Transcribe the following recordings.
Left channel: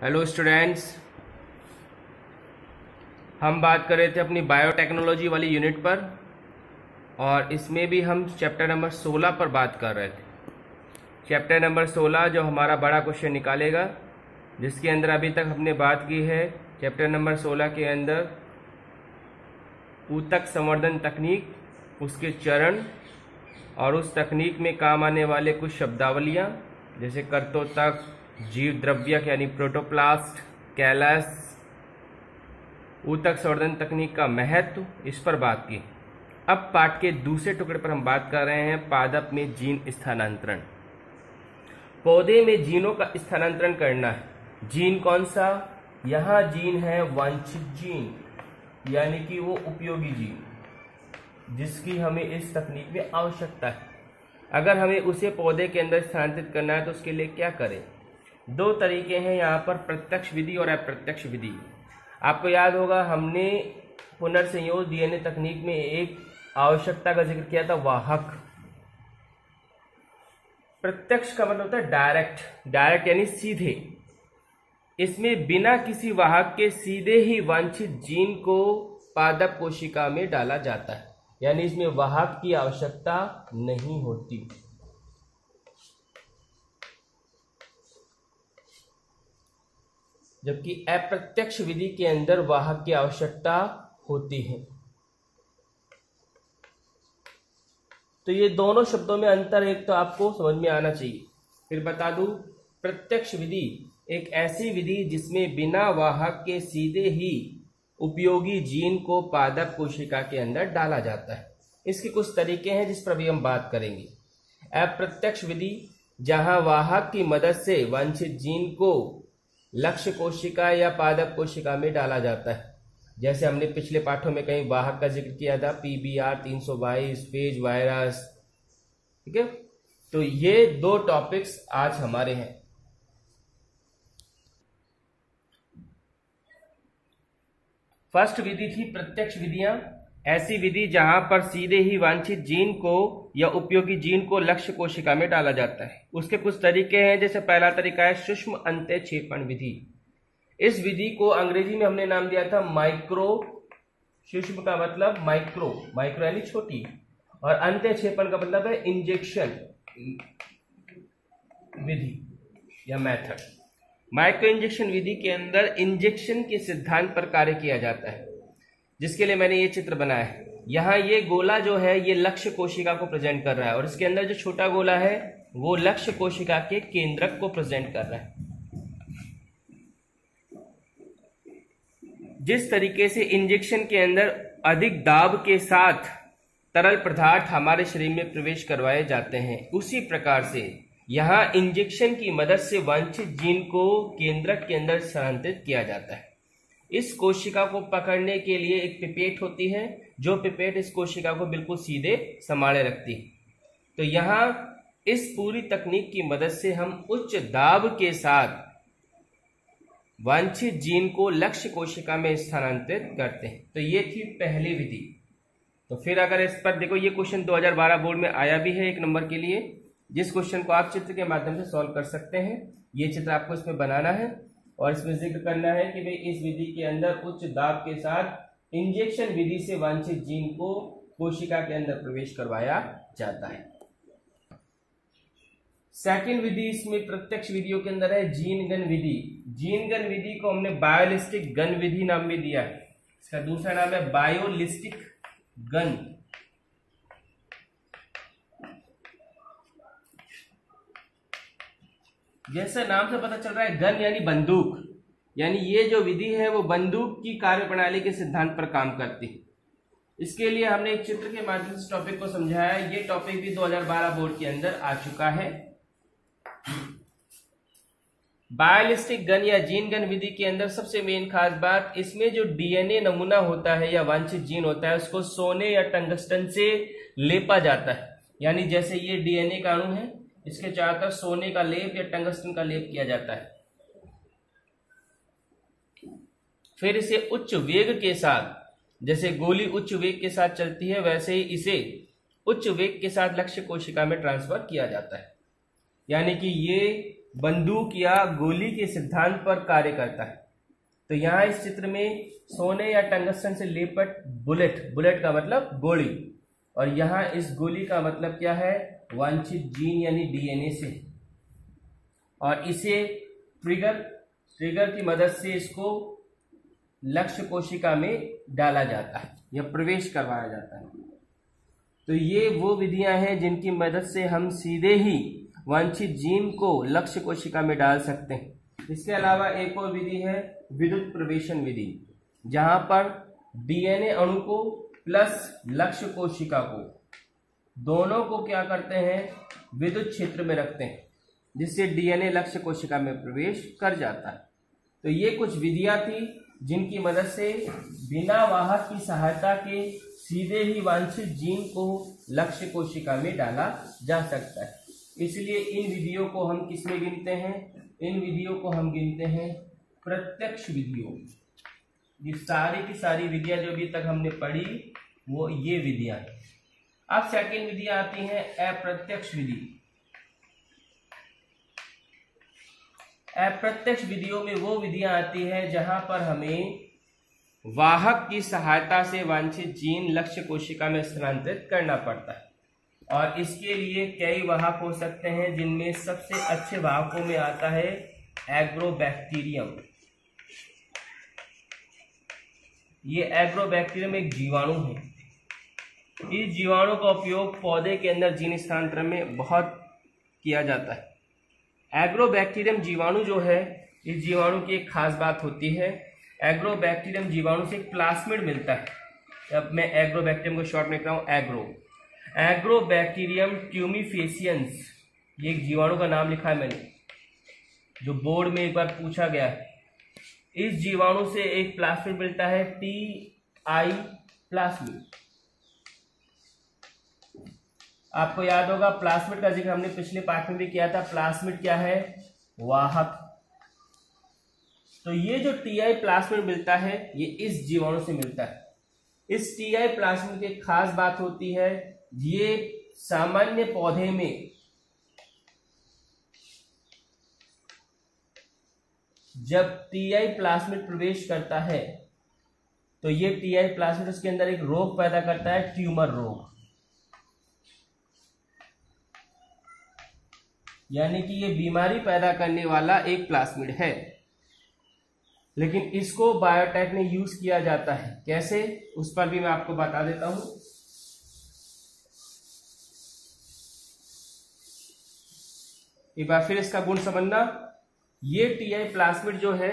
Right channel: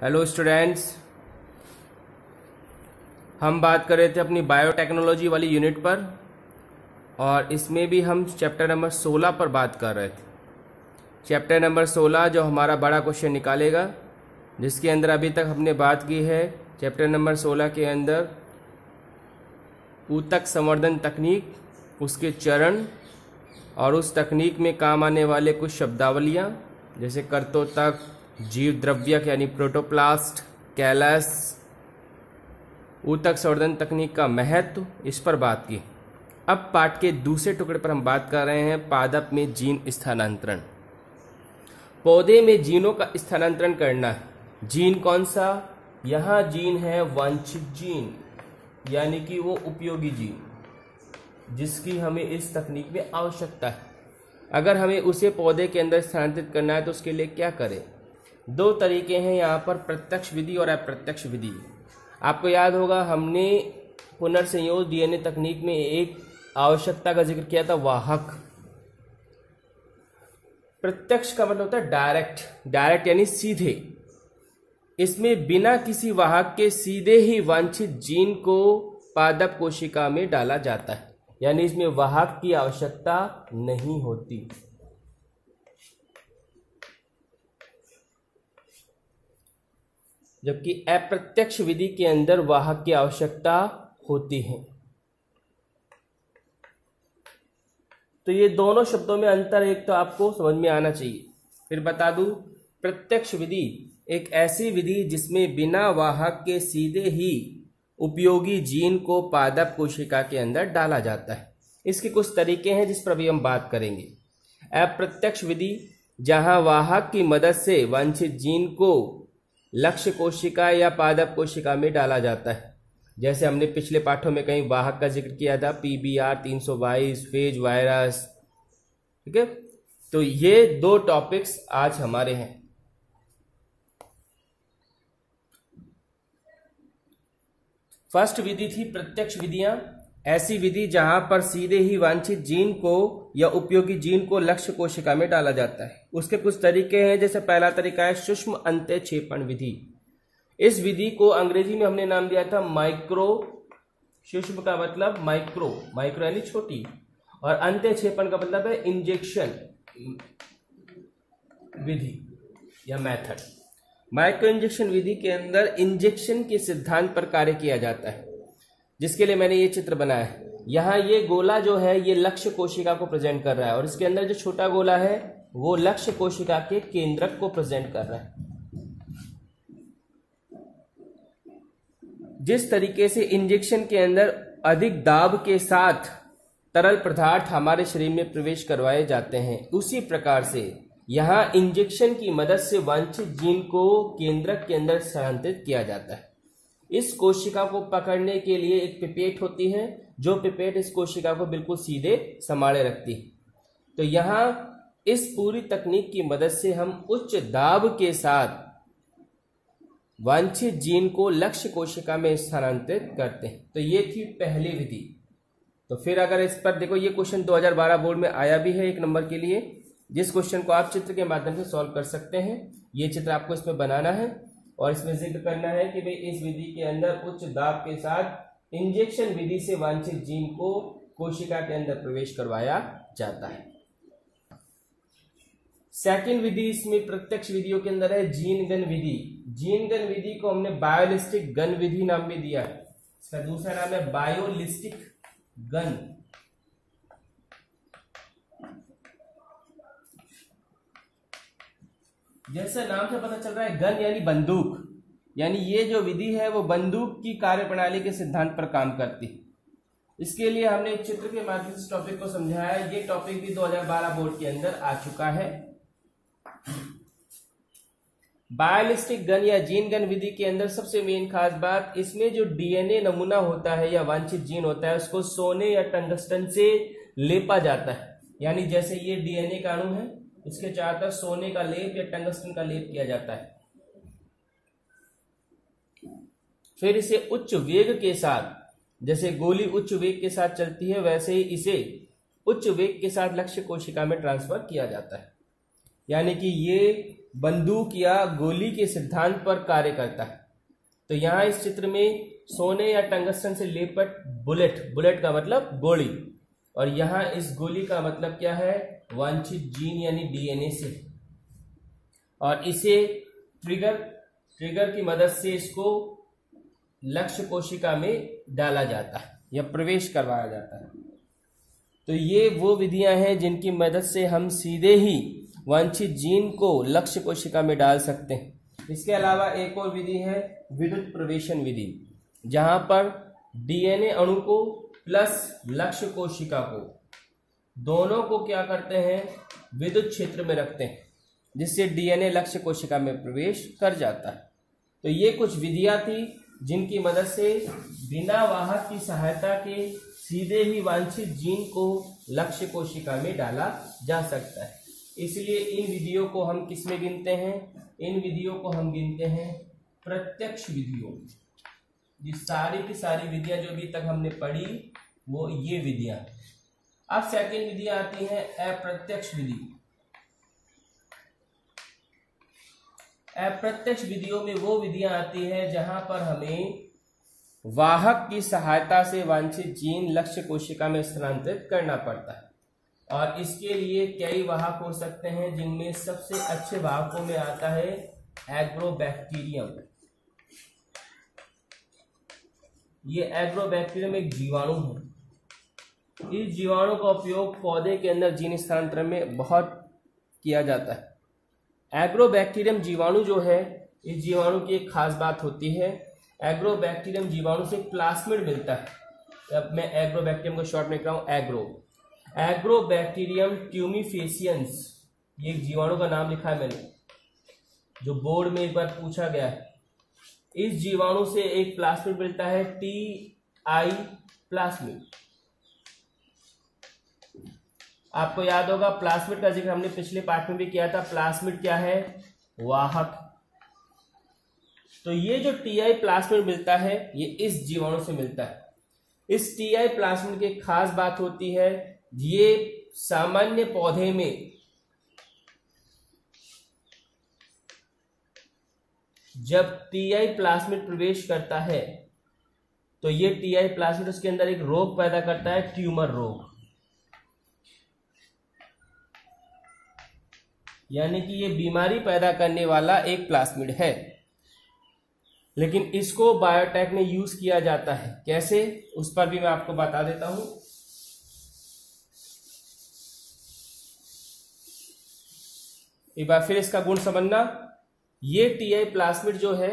Hello students, हम बात कर रहे थे अपनी बायोटेक्नोलॉजी वाली यूनिट पर और इसमें भी हम चैप्टर नंबर 16 पर बात कर रहे थे। चैप्टर नंबर 16 जो हमारा बड़ा क्वेश्चन निकालेगा, जिसके अंदर अभी तक हमने बात की है चैप्टर नंबर 16 के अंदर ऊतक संवर्धन तकनीक, उसके चरण और उस तकनीक में काम आने वाले कुछ शब्दावलियाँ जैसे कर्तोतक, जीव द्रव्यक यानी प्रोटोप्लास्ट, कैलस, ऊतक संवर्धन तकनीक का महत्व, इस पर बात की। अब पाठ के दूसरे टुकड़े पर हम बात कर रहे हैं पादप में जीन स्थानांतरण। पौधे में जीनों का स्थानांतरण करना है। जीन कौन सा? यहाँ जीन है वांछित जीन, यानी कि वो उपयोगी जीन जिसकी हमें इस तकनीक में आवश्यकता है। अगर हमें उसे पौधे के अंदर स्थानांतरित करना है तो उसके लिए क्या करें? दो तरीके हैं यहाँ पर, प्रत्यक्ष विधि और अप्रत्यक्ष विधि। आपको याद होगा हमने पुनर्संयोज डीएनए तकनीक में एक आवश्यकता का जिक्र किया था, वाहक। प्रत्यक्ष का मतलब होता है डायरेक्ट यानी सीधे। इसमें बिना किसी वाहक के सीधे ही वांछित जीन को पादप कोशिका में डाला जाता है, यानी इसमें वाहक की आवश्यकता नहीं होती। जबकि अप्रत्यक्ष विधि के अंदर वाहक की आवश्यकता होती है। तो ये दोनों शब्दों में अंतर एक तो आपको समझ में आना चाहिए। फिर बता दूं, प्रत्यक्ष विधि एक ऐसी विधि जिसमें बिना वाहक के सीधे ही उपयोगी जीन को पादप कोशिका के अंदर डाला जाता है। इसके कुछ तरीके हैं जिस पर भी हम बात करेंगे। अप्रत्यक्ष विधि जहां वाहक की मदद से वांछित जीन को लक्ष्य कोशिका या पादप कोशिका में डाला जाता है, जैसे हमने पिछले पाठों में कहीं वाहक का जिक्र किया था, PBR 322, फेज वायरस। ठीक है, तो ये दो टॉपिक्स आज हमारे हैं। फर्स्ट विधि थी प्रत्यक्ष विधियां, ऐसी विधि जहां पर सीधे ही वांछित जीन को या उपयोगी जीन को लक्ष्य कोशिका में डाला जाता है। उसके कुछ तरीके हैं, जैसे पहला तरीका है सूक्ष्म अंत्यक्षेपण विधि। इस विधि को अंग्रेजी में हमने नाम दिया था माइक्रो। सूक्ष्म का मतलब माइक्रो यानी छोटी, और अंत्यक्षेपण का मतलब है इंजेक्शन विधि या मेथड। माइक्रो इंजेक्शन विधि के अंदर इंजेक्शन के सिद्धांत पर कार्य किया जाता है, जिसके लिए मैंने ये चित्र बनाया है। यहाँ ये गोला जो है ये लक्ष्य कोशिका को प्रेजेंट कर रहा है, और इसके अंदर जो छोटा गोला है वो लक्ष्य कोशिका के केंद्रक को प्रेजेंट कर रहा है। जिस तरीके से इंजेक्शन के अंदर अधिक दाब के साथ तरल पदार्थ हमारे शरीर में प्रवेश करवाए जाते हैं, उसी प्रकार से यहाँ इंजेक्शन की मदद से वांछित जीन को केंद्रक के अंदर स्थानांतरित किया जाता है। इस कोशिका को पकड़ने के लिए एक पिपेट होती है, जो पिपेट इस कोशिका को बिल्कुल सीधे संभाले रखती है। तो यहाँ इस पूरी तकनीक की मदद से हम उच्च दाब के साथ वांछित जीन को लक्ष्य कोशिका में स्थानांतरित करते हैं। तो ये थी पहली विधि। तो फिर अगर इस पर देखो, ये क्वेश्चन 2012 बोर्ड में आया भी है 1 नंबर के लिए, जिस क्वेश्चन को आप चित्र के माध्यम से सॉल्व कर सकते हैं। ये चित्र आपको इसमें बनाना है और इसमें जिक्र करना है कि भाई इस विधि के अंदर उच्च दाब के साथ इंजेक्शन विधि से वांछित जीन को कोशिका के अंदर प्रवेश करवाया जाता है। सेकंड विधि इसमें प्रत्यक्ष विधियों के अंदर है जीन गन विधि। जीन गन विधि को हमने बायोलिस्टिक गन विधि नाम भी दिया है। इसका दूसरा नाम है बायोलिस्टिक गन। जैसे नाम से पता चल रहा है, गन यानी बंदूक, यानी ये जो विधि है वो बंदूक की कार्यप्रणाली के सिद्धांत पर काम करती है। इसके लिए हमने एक चित्र के माध्यम से टॉपिक को समझाया है। ये टॉपिक भी 2012 बोर्ड के अंदर आ चुका है। बायोलिस्टिक गन या जीन गन विधि के अंदर सबसे मेन खास बात, इसमें जो डीएनए नमूना होता है या वांछित जीन होता है, उसको सोने या टंगस्टन से लेपा जाता है। यानी जैसे ये डीएनए का अणु है, इसके चारों तरफ सोने का लेप या टंगस्टन का लेप किया जाता है। फिर इसे उच्च वेग के साथ, जैसे गोली उच्च वेग के साथ चलती है, वैसे ही इसे उच्च वेग के साथ लक्ष्य कोशिका में ट्रांसफर किया जाता है। यानी कि ये बंदूक या गोली के सिद्धांत पर कार्य करता है। तो यहाँ इस चित्र में सोने या टंगस्टन से लेपट बुलेट, बुलेट का मतलब गोली, और यहाँ इस गोली का मतलब क्या है, वांछित जीन यानी डीएनए से, और इसे ट्रिगर की मदद से इसको लक्ष्य कोशिका में डाला जाता है या प्रवेश करवाया जाता है। तो ये वो विधियां हैं जिनकी मदद से हम सीधे ही वांछित जीन को लक्ष्य कोशिका में डाल सकते हैं। इसके अलावा एक और विधि है विद्युत प्रवेशन विधि, जहां पर डीएनए अणु को प्लस लक्ष्य कोशिका को, दोनों को क्या करते हैं, विद्युत क्षेत्र में रखते हैं, जिससे डीएनए लक्ष्य कोशिका में प्रवेश कर जाता है। तो ये कुछ विधियां थी जिनकी मदद से बिना वाहक की सहायता के सीधे ही वांछित जीन को लक्ष्य कोशिका में डाला जा सकता है। इसलिए इन विधियों को हम किसमें गिनते हैं, इन विधियों को हम गिनते हैं प्रत्यक्ष विधियों। ये सारी की सारी विधियां जो अभी तक हमने पढ़ी वो ये विधियां। अब सेकंड विधियां आती हैं अप्रत्यक्ष विधि। अप्रत्यक्ष विधियों में वो विधियां आती हैं जहां पर हमें वाहक की सहायता से वांछित जीन लक्ष्य कोशिका में स्थानांतरित करना पड़ता है, और इसके लिए कई वाहक हो सकते हैं, जिनमें सबसे अच्छे वाहकों में आता है एग्रोबैक्टीरियम। ये एग्रोबैक्टीरियम एक जीवाणु है। इस जीवाणु का उपयोग पौधे के अंदर जीन स्थानांतरण में बहुत किया जाता है। एग्रोबैक्टीरियम जीवाणु जो है, इस जीवाणु की एक खास बात होती है, एग्रोबैक्टीरियम जीवाणु से एक प्लास्मिड मिलता है। अब मैं एग्रोबैक्टीरियम को शॉर्ट में लिख रहा हूं एग्रोबैक्टीरियम ट्यूमिफेसियंस, ये एक जीवाणु का नाम लिखा है मैंने, जो बोर्ड में एक बार पूछा गया है। इस जीवाणु से एक प्लास्मिड मिलता है, टी-आई प्लास्मिड। आपको याद होगा प्लास्मिड का जिक्र हमने पिछले पाठ में भी किया था। प्लास्मिड क्या है, वाहक। तो ये जो टी-आई प्लास्मिड मिलता है ये इस जीवाणु से मिलता है। इस टी-आई प्लास्मिड की एक खास बात होती है, ये सामान्य पौधे में जब टी-आई प्लास्मिड प्रवेश करता है तो ये टी-आई प्लास्मिड उसके अंदर एक रोग पैदा करता है, ट्यूमर रोग। यानी कि ये बीमारी पैदा करने वाला एक प्लास्मिड है। लेकिन इसको बायोटेक में यूज किया जाता है, कैसे, उस पर भी मैं आपको बता देता हूं। एक बार फिर इसका गुण समझना। ये टी-आई प्लास्मिड जो है,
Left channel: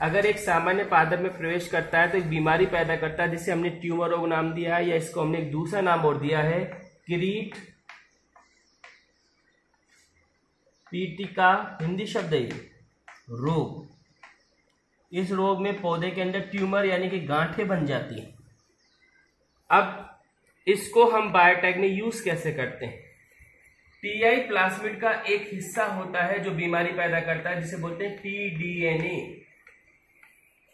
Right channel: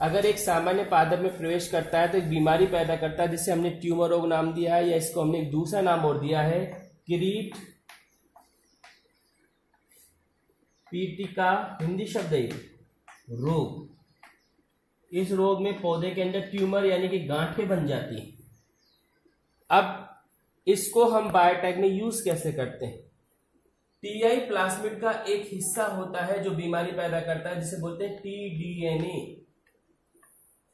अगर एक सामान्य पादप में प्रवेश करता है तो एक बीमारी पैदा करता है, जिसे हमने ट्यूमर रोग नाम दिया है, या इसको हमने एक दूसरा नाम और दिया है, किरीट पीटिका, हिंदी शब्द है रोग। इस रोग में पौधे के अंदर ट्यूमर यानी कि गांठें बन जाती हैं। अब इसको हम बायोटेक में यूज कैसे करते हैं। टी-आई प्लास्मिड का एक हिस्सा होता है जो बीमारी पैदा करता है, जिसे बोलते हैं टी-डीएनए।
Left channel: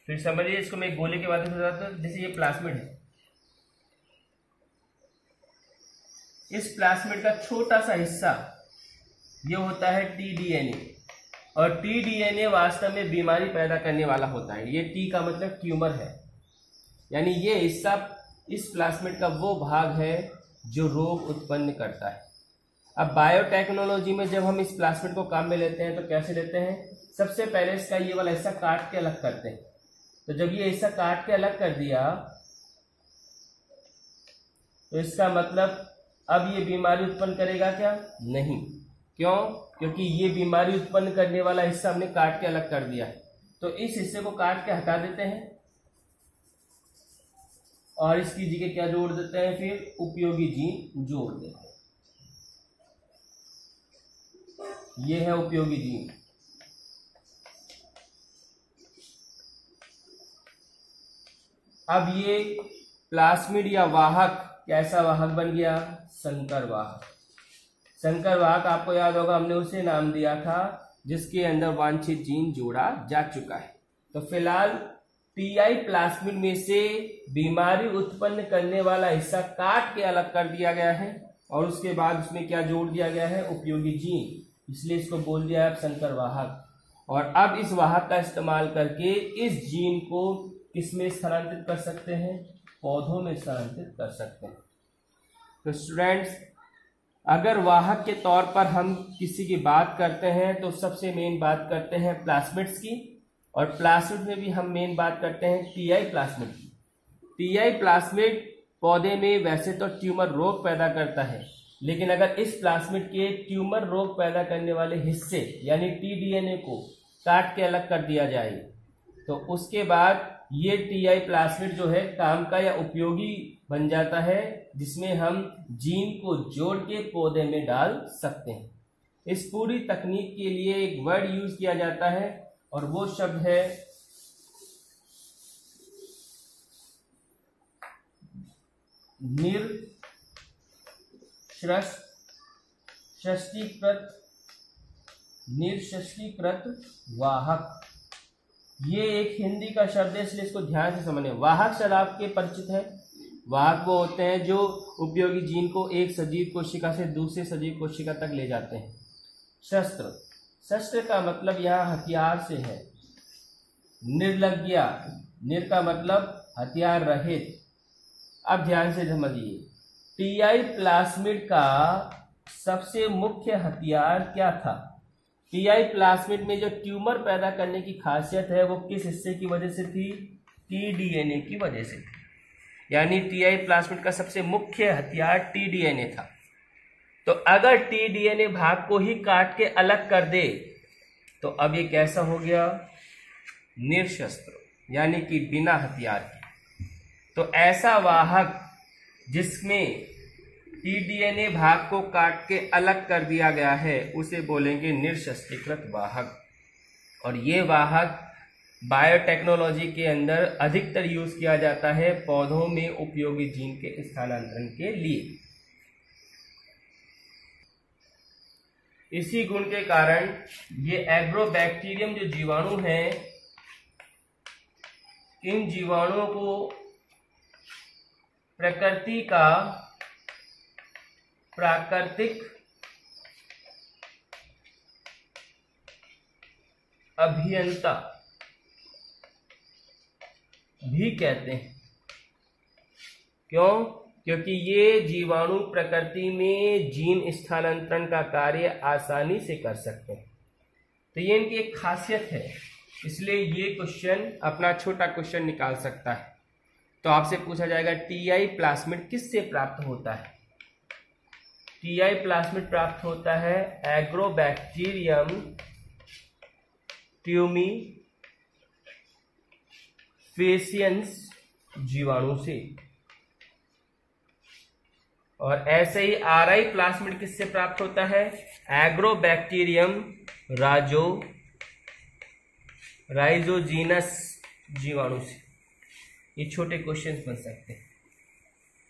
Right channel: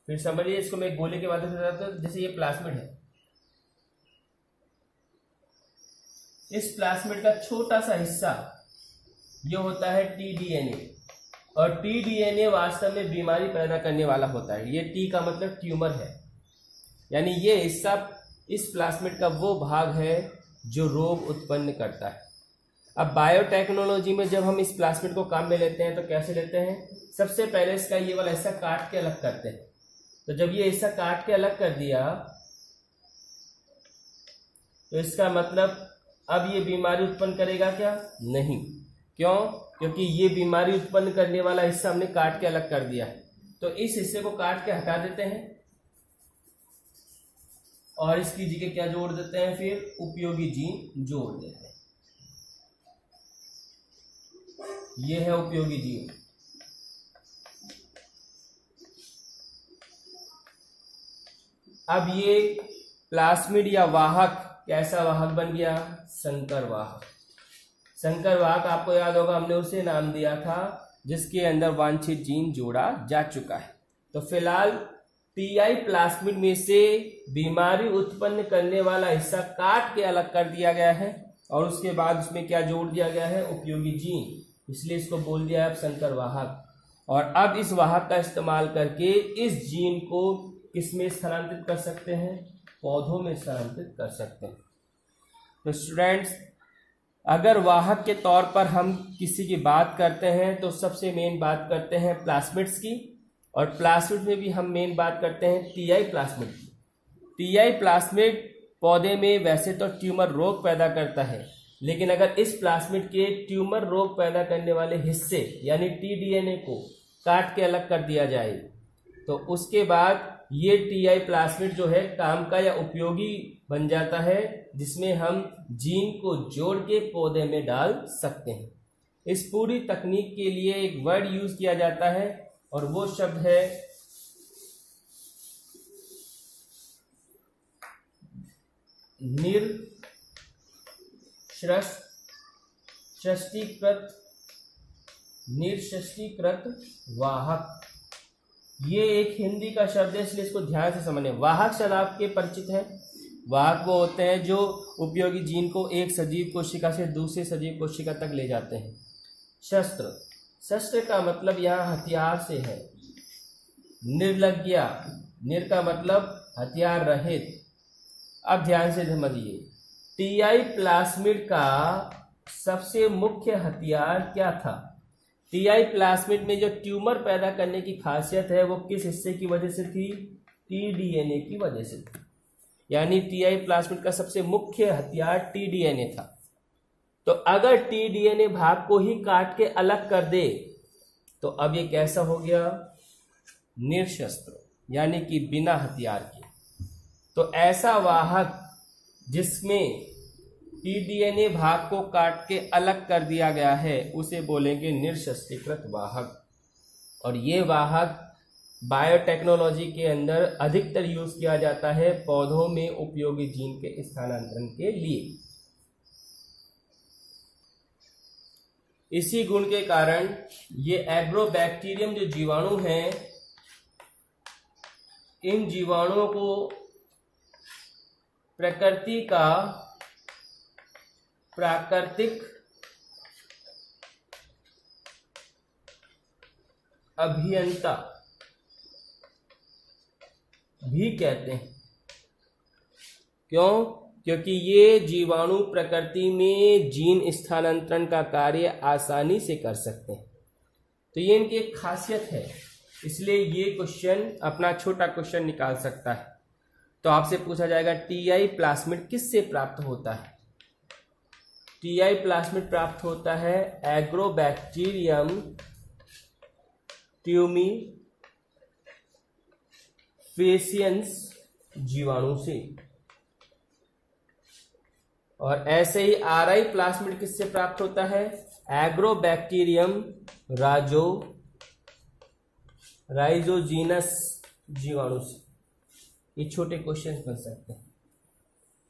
फिर समझिए, इसको मैं गोले के माध्यम से बताता हूं। जैसे ये प्लास्मिड है, इस प्लास्मिड का छोटा सा हिस्सा ये होता है टी-डीएनए, और टी-डीएनए वास्तव में बीमारी पैदा करने वाला होता है। ये टी का मतलब ट्यूमर है, यानी ये हिस्सा इस प्लास्मिड का वो भाग है जो रोग उत्पन्न करता है। अब बायोटेक्नोलॉजी में जब हम इस प्लास्मिड को काम में लेते हैं तो कैसे लेते हैं, सबसे पहले इसका ये वाला हिस्सा काट के अलग करते हैं। तो जब ये हिस्सा काट के अलग कर दिया तो इसका मतलब अब ये बीमारी उत्पन्न करेगा क्या, नहीं। क्यों, क्योंकि ये बीमारी उत्पन्न करने वाला हिस्सा हमने काट के अलग कर दिया है। तो इस हिस्से को काट के हटा देते हैं और इसकी जगह क्या जोड़ देते हैं, फिर उपयोगी जीन जोड़ देते हैं। ये है उपयोगी जीन। अब ये प्लास्मिड या वाहक कैसा वाहक बन गया, संकर वाहक। संकर वाहक आपको याद होगा हमने उसे नाम दिया था जिसके अंदर वांछित जीन जोड़ा जा चुका है। तो फिलहाल टी-आई प्लास्मिड में से बीमारी उत्पन्न करने वाला हिस्सा काट के अलग कर दिया गया है और उसके बाद उसमें क्या जोड़ दिया गया है, उपयोगी जीन। इसलिए इसको बोल दिया है संकर वाहक। और अब इस वाहक का इस्तेमाल करके इस जीन को किसमें स्थानांतरित कर सकते हैं? पौधों में स्थानांतरित कर सकते हैं। तो स्टूडेंट्स, अगर वाहक के तौर पर हम किसी की बात करते हैं तो सबसे मेन बात करते हैं प्लाज्मिड्स की, और प्लाज्मिड में भी हम मेन बात करते हैं टीआई प्लाज्मिड की। टीआई प्लाज्मिड पौधे में वैसे तो ट्यूमर रोग पैदा करता है, लेकिन अगर इस प्लाज्मिड के ट्यूमर रोग पैदा करने वाले हिस्से यानी टीडीएनए को काट के अलग कर दिया जाए तो उसके बाद ये टीआई प्लाज्मिड जो है काम का या उपयोगी बन जाता है, जिसमें हम जीन को जोड़ के पौधे में डाल सकते हैं। इस पूरी तकनीक के लिए एक वर्ड यूज किया जाता है और वो शब्द है निर्षष्टीकृत वाहक। ये एक हिंदी का शब्द है, इसलिए इसको ध्यान से समझें। वाहक शब्द आपके परिचित है। वाहक वो होते हैं जो उपयोगी जीन को एक सजीव कोशिका से दूसरे सजीव कोशिका तक ले जाते हैं। शस्त्र, शस्त्र का मतलब यहाँ हथियार से है। निर्लज्ञा, निर का मतलब हथियार रहित। अब ध्यान से समझिए, टीआई प्लाज्मिड का सबसे मुख्य हथियार क्या था? टीआई प्लाज्मिड में जो ट्यूमर पैदा करने की खासियत है वो किस हिस्से की वजह से थी? टीडीएनए की वजह से थी। यानी टीआई प्लाज्मिड का सबसे मुख्य हथियार टीडीएनए था। तो अगर टीडीएनए भाग को ही काट के अलग कर दे तो अब ये कैसा हो गया? निर्शस्त्र, यानी कि बिना हथियार के। तो ऐसा वाहक जिसमें टीडीएनए भाग को काट के अलग कर दिया गया है उसे बोलेंगे निर्शस्त्रीकृत वाहक। और ये वाहक बायोटेक्नोलॉजी के अंदर अधिकतर यूज किया जाता है पौधों में उपयोगी जीन के स्थानांतरण के लिए। इसी गुण के कारण ये एग्रोबैक्टीरियम जो जीवाणु हैं, इन जीवाणुओं को प्रकृति का प्राकृतिक अभियंता भी कहते हैं। क्यों? क्योंकि ये जीवाणु प्रकृति में जीन स्थानांतरण का कार्य आसानी से कर सकते हैं। तो ये इनकी एक खासियत है, इसलिए ये क्वेश्चन अपना छोटा क्वेश्चन निकाल सकता है। तो आपसे पूछा जाएगा टीआई प्लाज्मिड किससे प्राप्त होता है? टीआई प्लाज्मिड प्राप्त होता है एग्रोबैक्टीरियम ट्यूमीफेसियंस जीवाणु से। और ऐसे ही आरआई प्लाज्मिड किससे प्राप्त होता है? एग्रोबैक्टीरियम राइजोजीनस जीवाणु से। ये छोटे क्वेश्चन बन सकते हैं।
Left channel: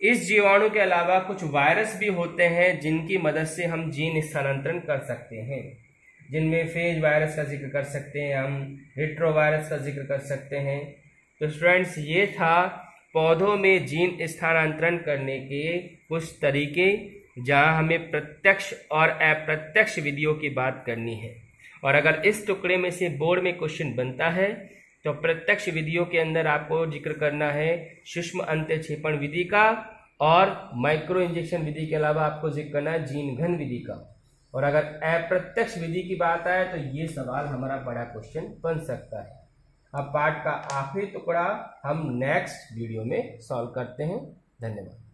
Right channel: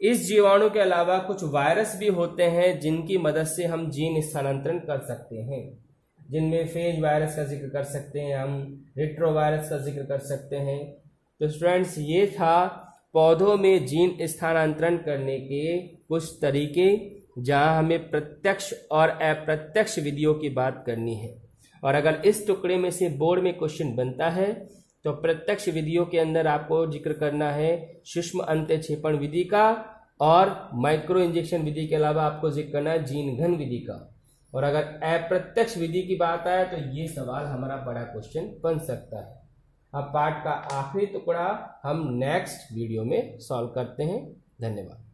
इस जीवाणु के अलावा कुछ वायरस भी होते हैं जिनकी मदद से हम जीन स्थानांतरण कर सकते हैं, जिनमें फेज वायरस का जिक्र कर सकते हैं, हम रेट्रोवायरस का जिक्र कर सकते हैं। तो स्टूडेंट्स, ये था पौधों में जीन स्थानांतरण करने के कुछ तरीके, जहां हमें प्रत्यक्ष और अप्रत्यक्ष विधियों की बात करनी है। और अगर इस टुकड़े में से बोर्ड में क्वेश्चन बनता है तो प्रत्यक्ष विधियों के अंदर आपको जिक्र करना है सूक्ष्म अंत्यक्षेपण विधि का, और माइक्रो इंजेक्शन विधि के अलावा आपको जिक्र करना है जीन घन विधि का। और अगर अप्रत्यक्ष विधि की बात आए तो ये सवाल हमारा बड़ा क्वेश्चन बन सकता है। अब पाठ का आखिरी टुकड़ा हम नेक्स्ट वीडियो में सॉल्व करते हैं। धन्यवाद।